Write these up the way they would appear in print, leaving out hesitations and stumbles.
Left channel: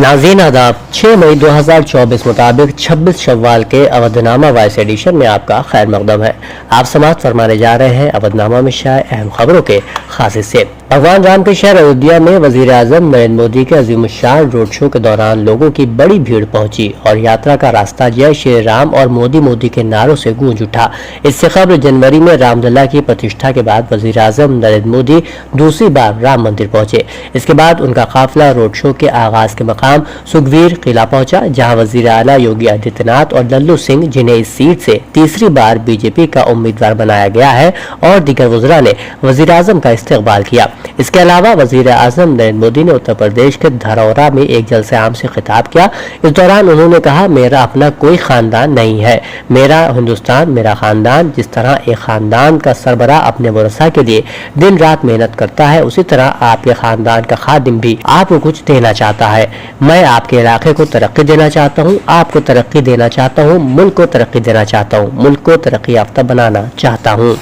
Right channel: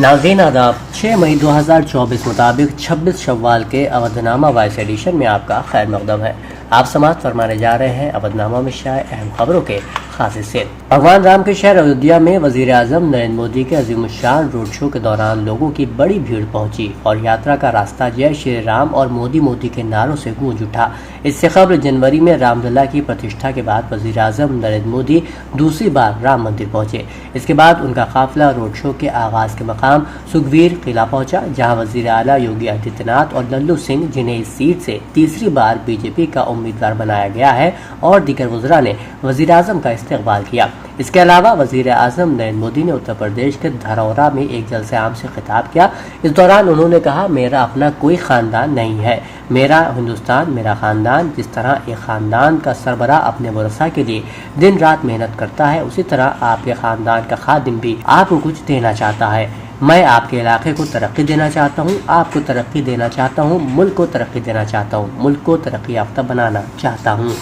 नाज़रीन आदाब, 6 मई 2024 मुताबिक 26 शव्वाल के अवधनामा वॉइस एडिशन में आपका खैर मकदम है। आप समाअत फरमाने जा रहे हैं अवधनामा में शाये अहम खबरों के खास हिस्से। भगवान राम के शहर अयोध्या में वजीर आजम नरेंद्र मोदी के अजीमुश्शान रोड शो के दौरान लोगों की बड़ी भीड़ पहुंची और यात्रा का रास्ता जय श्री राम और मोदी मोदी के नारों से गूंज उठा। इससे कबल जनवरी में रामलला की प्रतिष्ठा के बाद वजीर आजम नरेंद्र मोदी दूसरी बार राम मंदिर पहुंचे। इसके बाद उनका काफिला रोड शो के आगाज के मकाम सुखवीर किला पहुंचा, जहां वजीर आला योगी आदित्यनाथ और लल्लू सिंह, जिन्हें इस सीट से तीसरी बार बीजेपी का उम्मीदवार बनाया गया है, और दीगर वज़रा ने वजीर आजम का इस्तकबाल किया। इसके अलावा वजीर आजम नरेंद्र मोदी ने उत्तर प्रदेश के धरौरा में एक जलसे आम से खिताब किया। इस दौरान उन्होंने कहा, मेरा अपना कोई खानदान नहीं है, मेरा हिंदुस्तान मेरा खानदान। जिस तरह एक खानदान का सरबराह अपने वरसा के लिए दिन रात मेहनत करता है, उसी तरह आपके खानदान का खादिम भी आपको कुछ देना चाहता है। मैं आपके इलाके को तरक्की देना चाहता हूँ, आपको तरक्की देना चाहता हूँ, मुल्क को तरक्की देना चाहता हूँ, मुल्क को तरक्की याफ्ता बनाना चाहता हूँ।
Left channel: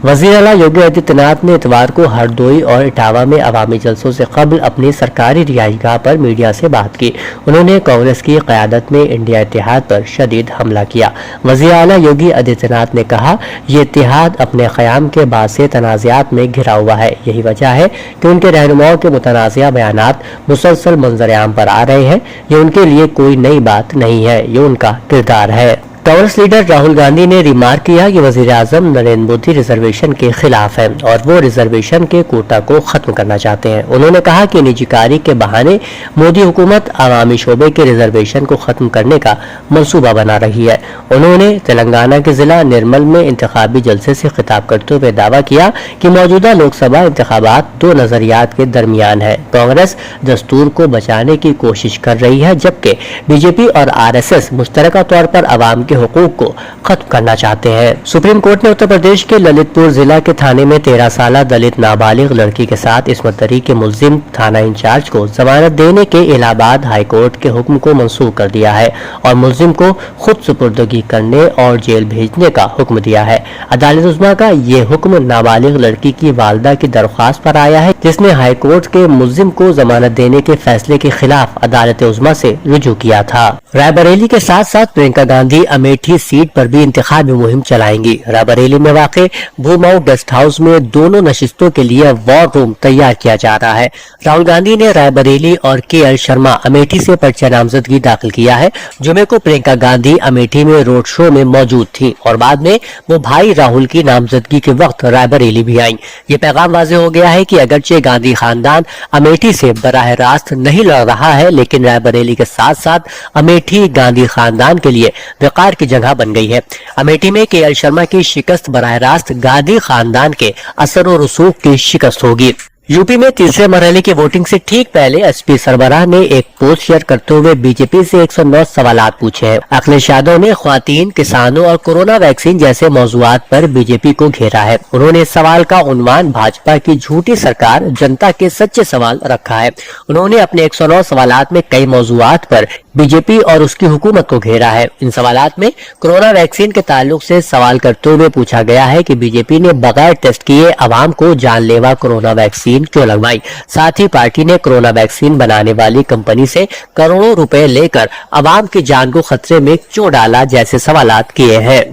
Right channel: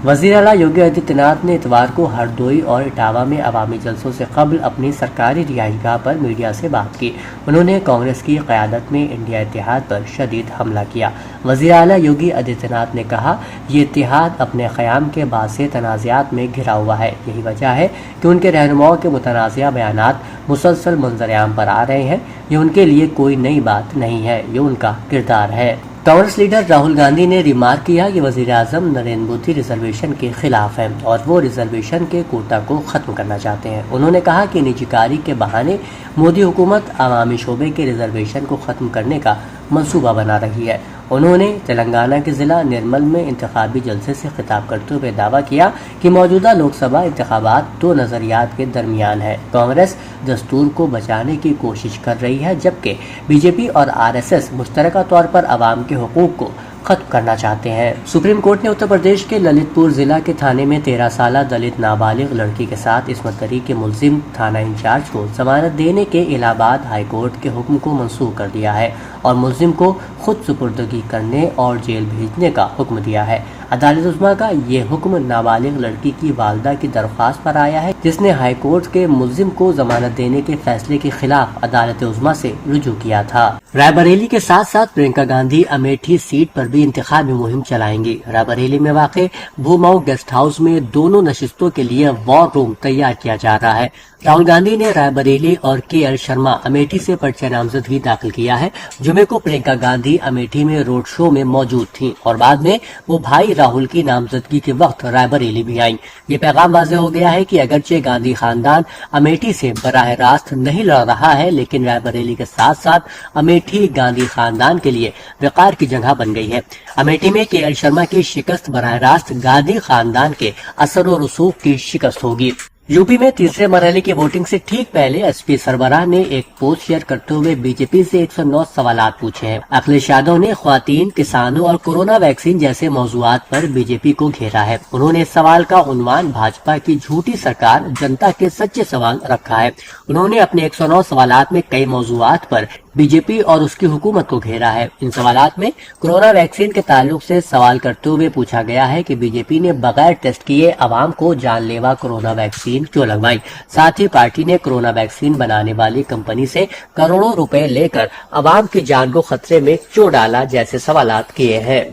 वज़ीर आला योगी आदित्यनाथ ने इतवार को हरदोई और इटावा में अवामी जलसों से कबल अपनी सरकारी रिहाइशगाह पर मीडिया से बात की। उन्होंने कांग्रेस की क़यादत में इंडिया इत्तेहाद पर शदीद हमला किया। वज़ीर आला योगी आदित्यनाथ ने कहा, ये इत्तेहाद अपने क़याम के बाद से तनाज़ात में घिरा हुआ है। यही वजह है कि उनके रहनुमाओं के मुतनाज़िया बयानात मुसलसल मंजर-ए-आम पर आ रहे हैं। ये उनके लिए कोई नई बात नहीं है, ये उनका किरदार है। कांग्रेस लीडर राहुल गांधी ने रिमार्क किया कि वजीर आजम नरेंद्र मोदी रिजर्वेशन के खिलाफ है और वो रिजर्वेशन के कोटा को खत्म करना चाहते हैं। उन्होंने कहा कि निजीकारी के बहाने मोदी हुकूमत अवामी शोबे के रिजर्वेशन को खत्म करने का मंसूबा बना रही है। उन्होंने तेलंगाना के जिला निर्मल में इंतखाबी जलसे से खिताब करते हुए दावा किया कि मौजूदा लोकसभा इंतखाबात दो नजरियात के दरमियान है। कांग्रेस दस्तूर को बचाने की कोशिश कर रही है, जबकि बीजेपी और RSS मुश्तरका तौर पर अवाम के हुकूक को खत्म करना चाहते हैं। सुप्रीम कोर्ट ने उत्तर प्रदेश के ललितपुर जिला के थाने में 13 साला दलित नाबालिग लड़की के साथ इस्मत दरी के मुल्जिम थाना इंचार्ज को जमानत देने के इलाहाबाद हाई कोर्ट के हुक्म को मंसूख कर दिया है और मुल्जिम को खुद सुपुर्दगी करने और जेल भेजने का हुक्म दिया है। अदालत उज़्मा का ये हुक्म नाबालिग लड़की की वालिदा की दरख्वास्त पर आया है, जिसने हाई कोर्ट के मुल्जिम को जमानत देने के फैसले के खिलाफ अदालत उज़्मा से रुजू किया था। रायबरेली के साथ साथ प्रियंका गांधी अमेठी सीट पर भी इंतखाबी मुहिम चलाएंगी। रायबरेली में वाक़े भूमाऊ गेस्ट हाउस में दोनों नशिस्तों के लिए वॉर रूम तैयार किया जा रहा है। राहुल गांधी ने रायबरेली और KL शर्मा अमेठी से पर्चा नामजदगी दाखिल किया है। जुमे को प्रियंका गांधी अमेठी में रोड शो में मौजूद थी और बाद में वो भाई राहुल की नामजदगी के वक्त रायबरेली भी आई। ये पैगाम वाज़े हो गया है कि अगरचे गांधी खानदान अमेठी से बराह रास्त नहीं लड़ रहा है, लेकिन रायबरेली के साथ साथ अमेठी गांधी खानदान के लिए वक़ार की जगह बन गई है। अमेठी में KL शर्मा की शिकस्त बराह रास्त गांधी खानदान के असर और रसूख की शिकस्त होगी। यूपी में तीसरे मरहले की वोटिंग से ठीक पहले SP सरबराह ने एक पोस्ट शेयर करते हुए बीजेपी से 109 सवालात पूछे हैं। अखिलेश यादव ने ख्वातीन, किसानों और कोरोना वैक्सीन जैसे मौजूआत पर बीजेपी को घेरा है। उन्होंने इस सवाल का उन्वान भाजपा की झूठी सरकार, जनता के सच्चे सवाल रखा है। उन्होंने अपने 109 सवालात में कई मौजूआत पर बीजेपी और उसकी हुकूमत को घेरा है। इन सवालात में कोरोना वैक्सीन के ताल्लुक से सवाल करते हुए पूछा गया है कि बीजेपी ने बगैर टेस्ट किए आवाम को जानलेवा कोरोना वैक्सीन क्यों लगवाई। साथ ही पार्टी ने कोरोना वैक्सीन बनाने वाली कंपनी से करोड़ों रुपए लेकर आवाम की जान को खतरे में क्यों डाला, जैसे सवालात किए हैं।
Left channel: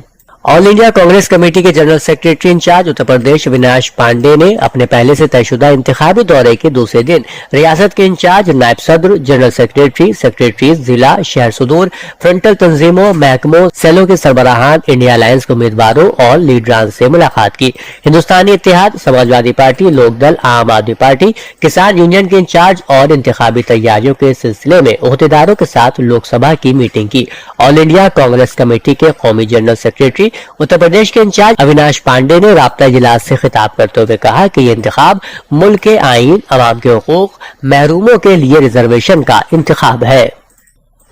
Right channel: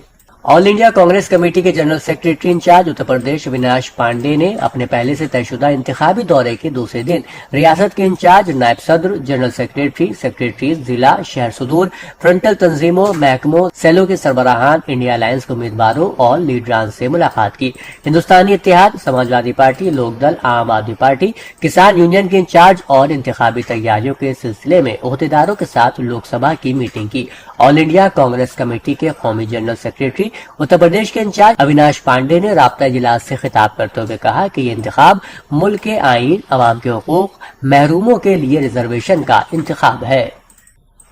ऑल इंडिया कांग्रेस कमेटी के general secretary in charge Uttar Pradesh Avinash Pandey ने अपने पहले से तयशुदा इंतखाबी दौरे के दूसरे दिन रियासत के इंचार्ज, नायब सदर, जनरल सेक्रेटरी, सेक्रेटरी जिला, शहर सुदूर, फ्रंटल तंजीमों, महकमों, सेलों के सरबराहान, इंडिया अलायंस के उम्मीदवारों और लीडरान से मुलाकात की। हिंदुस्तानी इत्तेहाद, समाजवादी पार्टी, लोकदल, आम आदमी पार्टी, किसान यूनियन के इंचार्ज और इंतखाबी तैयारियों के सिलसिले में ओहदेदारों के साथ लोकसभा की मीटिंग की। ऑल इंडिया कांग्रेस कमेटी के कौमी जनरल सेक्रेटरी उत्तर प्रदेश के इंचार्ज अविनाश पांडे ने राब्ता इजलास से खिताब करते हुए कहा कि ये इंतखाब मुल्क के आईन, अवाम के हुकूक, महरूमों के लिए रिजर्वेशन का इंतखाब है।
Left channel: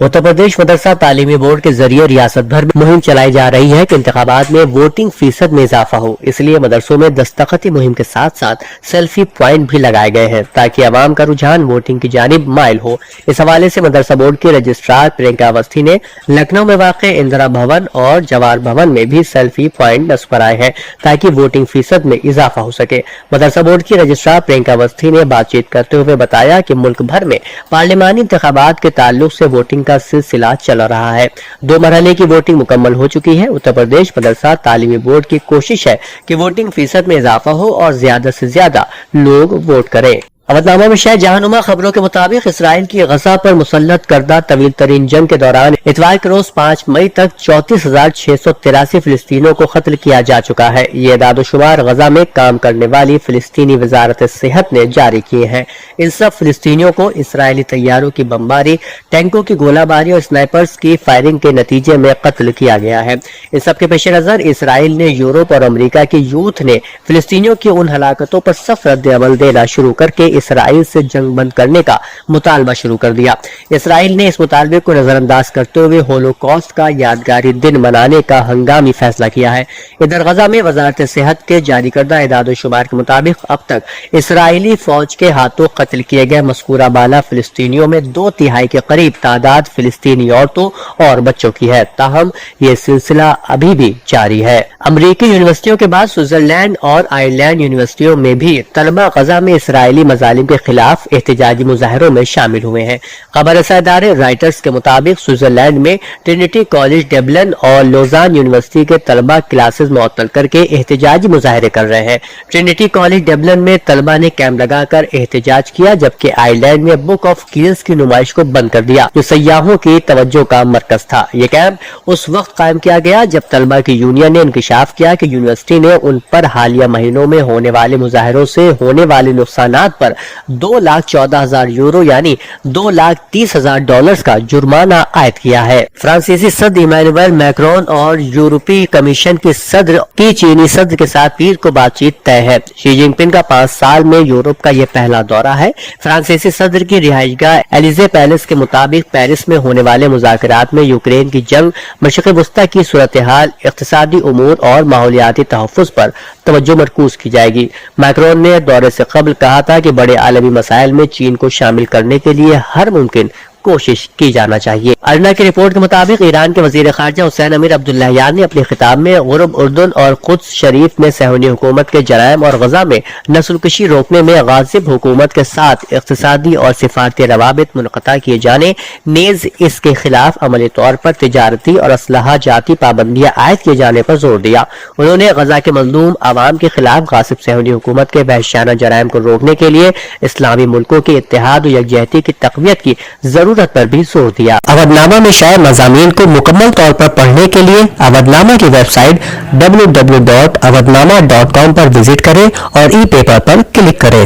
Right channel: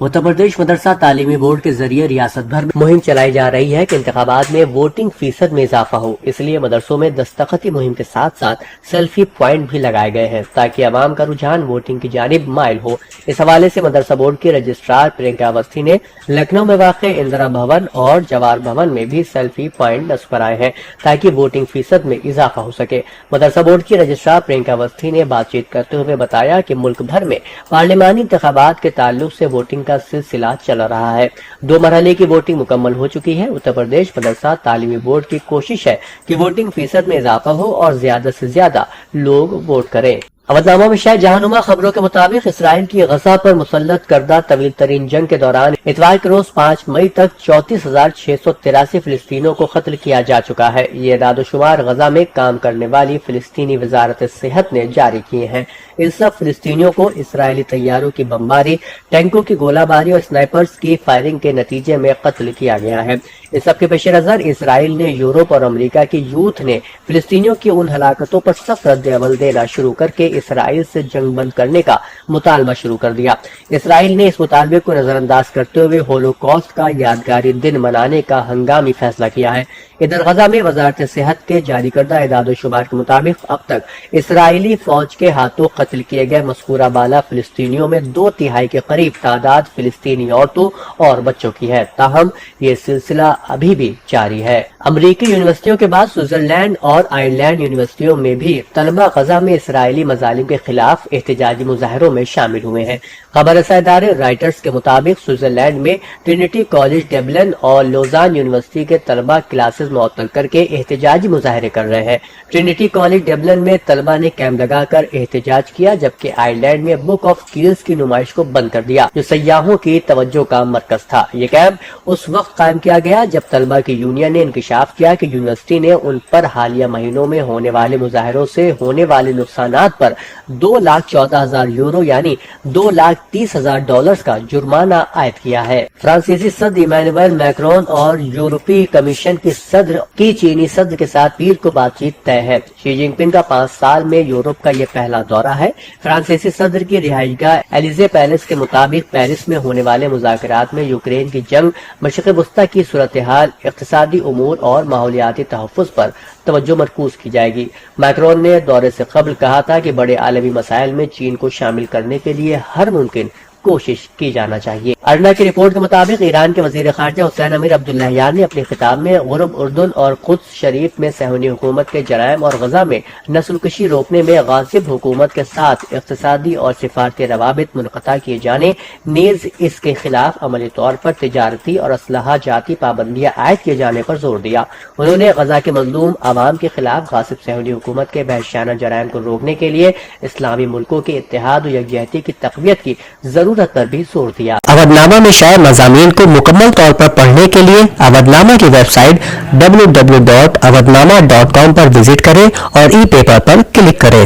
उत्तर प्रदेश मदरसा तालीमी बोर्ड के जरिए रियासत भर में मुहिम चलाई जा रही है कि इंतखाबात में वोटिंग फीसद में इजाफा हो। इसलिए मदरसों में दस्तखती मुहिम के साथ साथ सेल्फी पॉइंट भी लगाए गए हैं ताकि आवाम का रुझान वोटिंग की जानिब माइल हो। इस हवाले से मदरसा बोर्ड के रजिस्ट्रार प्रियंका अवस्थी ने लखनऊ में वाक़ इंदिरा भवन और जवाहर भवन में भी सेल्फी पॉइंट नस्ब कराए हैं ताकि वोटिंग फीसद में इजाफा हो सके। मदरसा बोर्ड की रजिस्ट्रार प्रियंका अवस्थी ने बातचीत करते हुए बताया कि मुल्क भर में पार्लिमानी इंतखाबात के ताल्लुक से वोटिंग का सिलसिला चल रहा है। 2 मरहले की वोटिंग मुकम्मल हो चुकी है। उत्तर प्रदेश मदरसा तालीमी बोर्ड की कोशिश है कि वोटिंग फीसद में इजाफा हो और ज्यादा से ज्यादा लोग वोट करें। अवधनामा में शायद जहानुमा खबरों के मुताबिक इसराइल की गजा पर मुसल्लत करदा तवील तरीन जंग के दौरान इतवार के रोज 5 मई तक 34,683 फिलिस्तीनियों को कत्ल किया जा चुका है। ये दादोशुमार गजा में काम करने वाली फिलिस्तीनी वजारत सेहत ने जारी किए हैं। इन सब फिलिस्तीनियों को इसराइली तैयारों की बमबारी, टैंकों की गोलाबारी और स्नाइपर्स की फायरिंग के नतीजे में कत्ल किया गया है। इन सब के पेश नजर इसराइल ने यूरोप और अमेरिका के यूथ ने फिलिस्तीनियों की उन हलाकतों पर सख्त रद्द अमल देना शुरू करके इसराइल से जंग बंद करने का मुतालबा शुरू कर दिया। इसराइल ने इस मुतालबे को नजरअंदाज करते हुए होलोकॉस्ट का यादगारी दिन मनाने का हंगामी फैसला किया है। इधर गजा में वजारत सेहत के जारी करदा इदाद-ओ-शुमार के मुताबिक अब तक इसराइली फौज के हाथों कत्ल किए गए मज़कूरा बाला फिलिस्तीनियों में 2/3 के करीब तादाद फिलिस्तीनी औरतों और बच्चों की है। ताहम ये सिलसिला अभी भी जारी है। अमरीकी यूनिवर्सिटियों के बाद स्विट्जरलैंड और आयरलैंड यूनिवर्सिटियों में भी तलबा गजा में इसराइली मजालिम के खिलाफ एहतजाजी मुजाहरों में शामिल हुए हैं। खबर रसा इदारे राइटर्स के मुताबिक स्विट्जरलैंड में ट्रिनिटी कॉलेज डबलिन और लोजान यूनिवर्सिटी के तलबा क्लासेस मुअत्तल करके एहतजाजी मुजाहरे कर रहे हैं। ट्रिनिटी कॉलेज डबलिन में तलबा ने कैंप लगाकर एहतजाज किया, जबकि आयरलैंड में बुक ऑफ कील्स की नुमाइश को बंद कर दिया जो सयाहों की तवज्जो का मरकज था। ये कैंप उस वक्त कायम किया गया जब तलबा की यूनियन ने इंकशाफ किया कि यूनिवर्सिटी ने उन पर हालिया महीनों में होने वाले मुजाहरों से होने वाले नुकसानात पर 2,14,000 यूरो यानी $2,30,000 का जुर्माना आयद किया है। फ्रांसीसी सदर इमैनुअल मैक्रोन और यूरोपीय कमीशन की सदर की चीनी सदर के साथ पीर को बातचीत तय है। शी जिनपिंग का 5 साल में यूरोप का यह पहला दौरा है। फ्रांसीसी सदर की रिहाइशगाह एलिजे पैलेस के मुताबिक पेरिस में होने वाले मुज़ाकरात में यूक्रेन की जंग, मशरिक़ वस्ता की सूरत हाल, इक़्तिसादी उमूर और माहौलियाती तहफ़्फ़ुज़ पर तवज्जो मरकूज की जाएगी। मैक्रोन ने दौरे से कबल कहा था कि बड़े आलमी मसाइल में चीन को शामिल करने के लिए हर मुमकिन कोशिश की जाना चाहिए। अरना की रिपोर्ट के मुताबिक ईरान के वजीर खारजा हुसैन अमीर अब्दुल्लाहियान ने अपने खिताब में गुरब उर्दुन और कुद्स शरीफ में सहूनी हुकूमत के जराइम और गजा में नस्लकशी रोकने में गाजिब हुकूमत के साथ इक़्तिसादी और सिफारती रवाबित मुनक़ता किए जाने, नीज़ इसके खिलाफ अमली तौर पर तिजारती और असलहा जाती पाबंदियां आयद किए जाने पर जोर दिया। उन्होंने गजा के मजलूम आवाम के खिलाफ गासिब सहूनी हुकूमत के वहशियाना जराइम को रोकने के लिए इस्लामी मुल्कों के इत्तेहाद और यकजहती की तक़वियत की जरूरत पर भी जोर दिया। अवधनामा में शाये मज़ामीन को मुकम्मल तौर पर पढ़ने के लिए अवधनामा की वेबसाइट www.awadnama.com पर विजिट करें और ई पेपर पर क्लिक करें।